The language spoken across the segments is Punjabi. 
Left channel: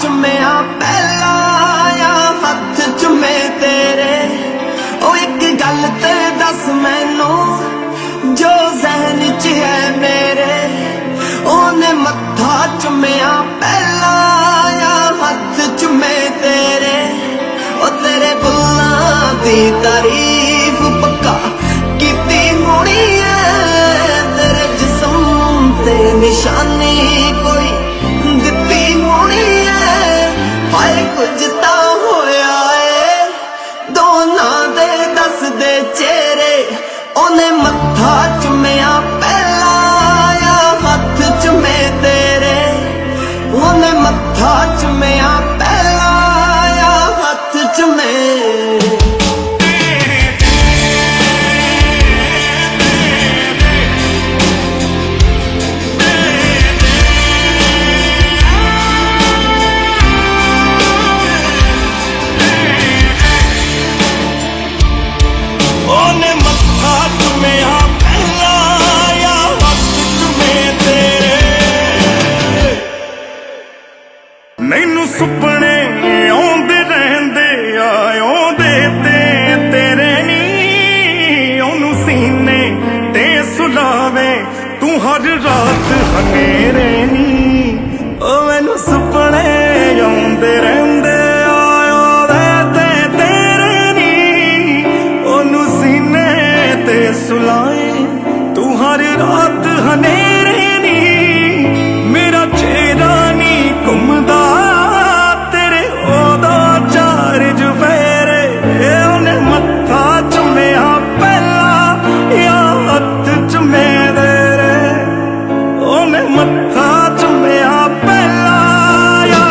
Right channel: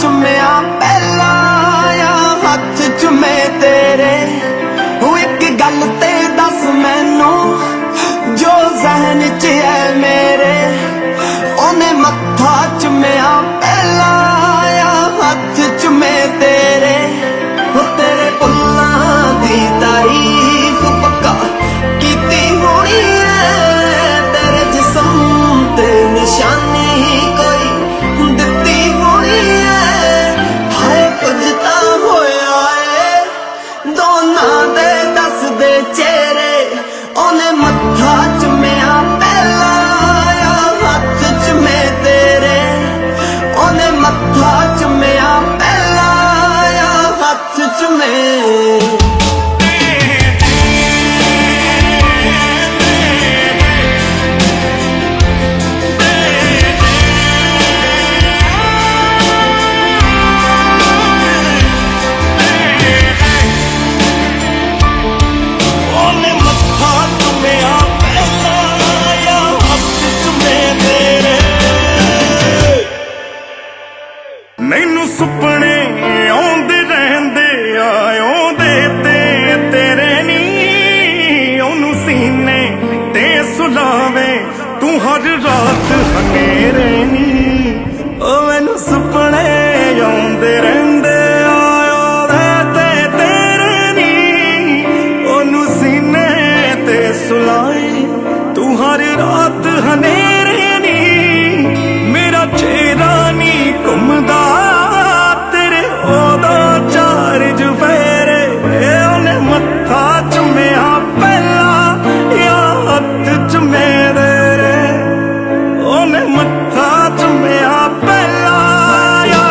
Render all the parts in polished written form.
ਚੁੰਮਿਆ ਪਹਿਲਾ ਆ ਹੱਥ ਚੁੰਮੇ ਤੇਰੇ। ਉਹ ਇੱਕ ਗੱਲ ਤੇ ਦੱਸ ਮੈਨੂੰ ਜੋ ਜ਼ਹਿਨ 'ਚ ਹੈ ਮੇਰੇ। ਉਹਨੇ ਮੱਥਾ ਚੁੰਮਿਆ ਪਹਿਲਾ ਆ ਹੱਥ ਚੁੰਮੇ ਤੇਰੇ। ਉਹ ਤੇਰੇ ਬੁੱਲਾਂ ਦੀ ਤਾਰੀਫ ਪੱਕਾ ਕੀਤੀ ਹੋਣੀ ਐ। ਤੇਰੇ ਜਿਸਮ ਤੇ ਨਿਸ਼ਾਨੀ ਕੋਈ ਦਿੱਤੀ ਹੋਣੀ ਐ। ਹਾਏ ਕੁਝ ਤਾਂ ਹੋਇਆ ਏ ਦੋਨਾਂ ਦੇ ਦੱਸਦੇ ਚਿਹਰੇ। ਉਹਨੇ ਮੱਥਾ ਚੁੰਮਿਆ ਪਹਿਲਾ ਆ ਹੱਥ ਚੁੰਮੇ ਤੇਰੇ। ਉਹਨੇ ਮੱਥਾ ਚੁੰਮਿਆ ਪਹਿਲਾ ਆ ਹੱਥ ਚੁੰਮੇ। ਮੈਨੂੰ ਸੁਪਨੇ ਆਉਂਦੇ ਰਹਿੰਦੇ ਆ ਆਉਂਦੇ ਤੇ ਤੇਰੇ ਨੀ। ਉਹਨੂੰ ਸੀਨੇ ਤੇ ਸੁਲਾਵੇ ਤੂੰ ਹਰ ਰਾਤ ਹਨੇਰੇ ਨੀ। ਉਹ ਮੈਨੂੰ ਸੁਪਨੇ ਆਉਂਦੇ ਰਹਿੰਦੇ ਆ ਆਉਂਦੇ ਤੇ ਤੇਰੇ ਨੀ। ਉਹਨੂੰ ਸੀਨੇ ਤੇ ਸੁਲਾਵੇ ਤੂੰ ਹਰ ਰਾਤ ਹਨੇਰੇ ਨੀ। ਮੇਰਾ ਚਿਹਰਾ ਨੀ ਘੁੰਮਦਾ ਤੇਰੇ ਉਹਦਾ ਚਾਰ ਚੁਫੇਰੇ। ਉਹਨੇ ਮੱਥਾ ਚੁੰਮਿਆ ਪਹਿਲਾ ਆ ਹੱਥ ਚੁੰਮੇ ਤੇਰੇ। ਉਹਨੇ ਮੱਥਾ ਚੁੰਮਿਆ ਪਹਿਲਾ ਆ।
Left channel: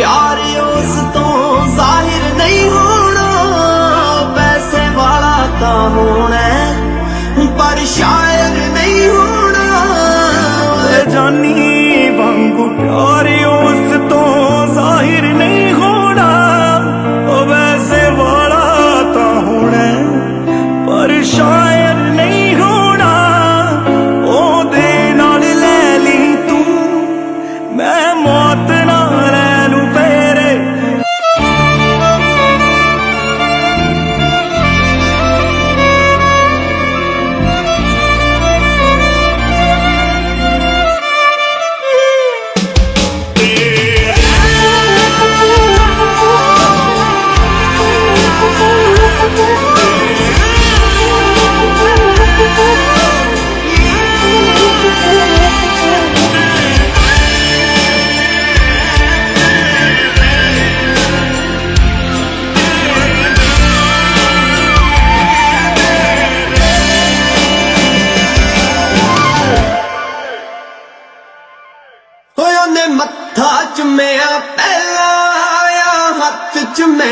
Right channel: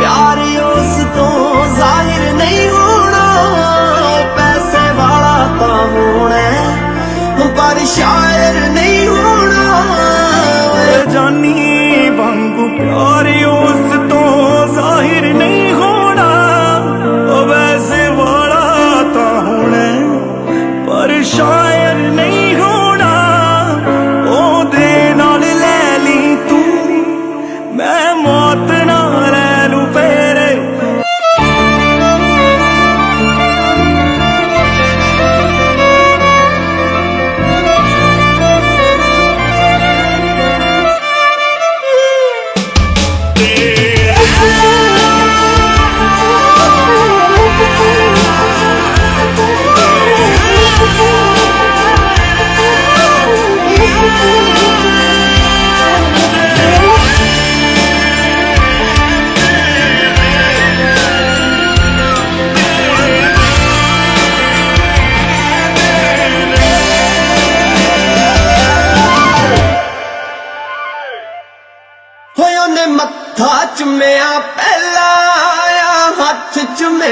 प्यार उस तो जाहिर नहीं होना। पैसे वाला तो होना पर शायर नहीं होना। जानी वांगू प्यार उस तो जाहिर नहीं होना। वैसे वाला तो होना पर शायर नहीं होना। ओदे नाल ले ली तू मैं मौत ना ले लूं फेरे। ਉਹਨੇ ਮੱਥਾ ਚੁੰਮਿਆ ਪਹਿਲਾ ਆ ਹੱਥ ਚੁੰਮੇ।